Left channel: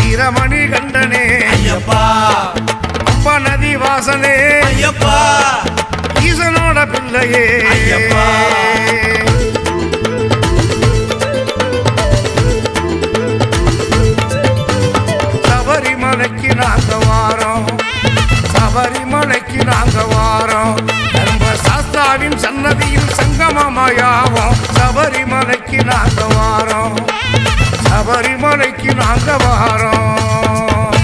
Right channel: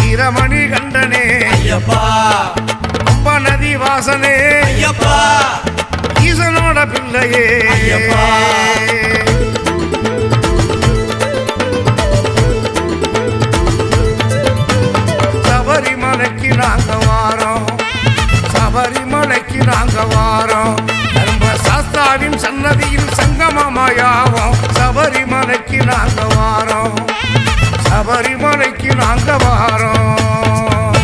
வீரமணி கண்டனே. ஐயப்பா. பம்பா நதி வாசனே. ஐயப்பா. ஈசனோட பிள்ளையே. ஐயப்பா. சபரிமலைக்கு நாங்க வாரோம். சபரிமலைக்கு நாங்க வாரோம். தர்ம சாஸ்தாவின் சன்னதியில் சங்கமமாயாவோம். சபரிமலைக்கு நாங்க வாரோம். சபரிமலைக்கு நாங்க வாரோம்.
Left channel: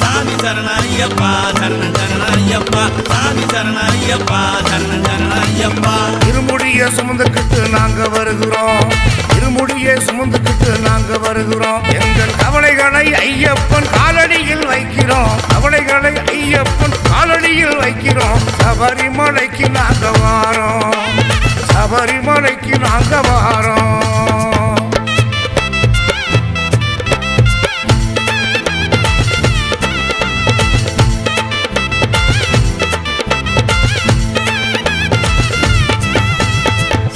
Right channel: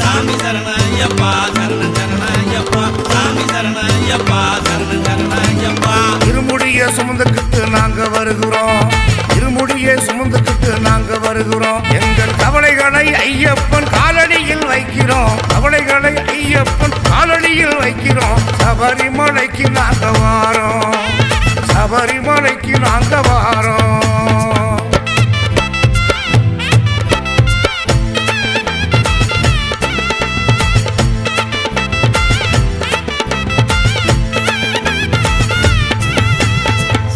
சாமி சரண ஐயப்பா சரண சரண ஐயப்பா சாமி சரண ஐயப்பா சரண சரண ஐயப்பா இருமுடிய சுமந்துக்கிட்டு நாங்க வருகிறோம். இருமுடியை சுமந்துக்கிட்டு நாங்க வருகிறோம். எங்கள் கவலைகளை ஐயப்பன் காலடியில் வைக்கிறோம். கவலைகளை ஐயப்பன் காலடியில் வைக்கிறோம். சபரிமலைக்கு நாங்க வாரோம். சபரிமலைக்கு நாங்க வாரோம்.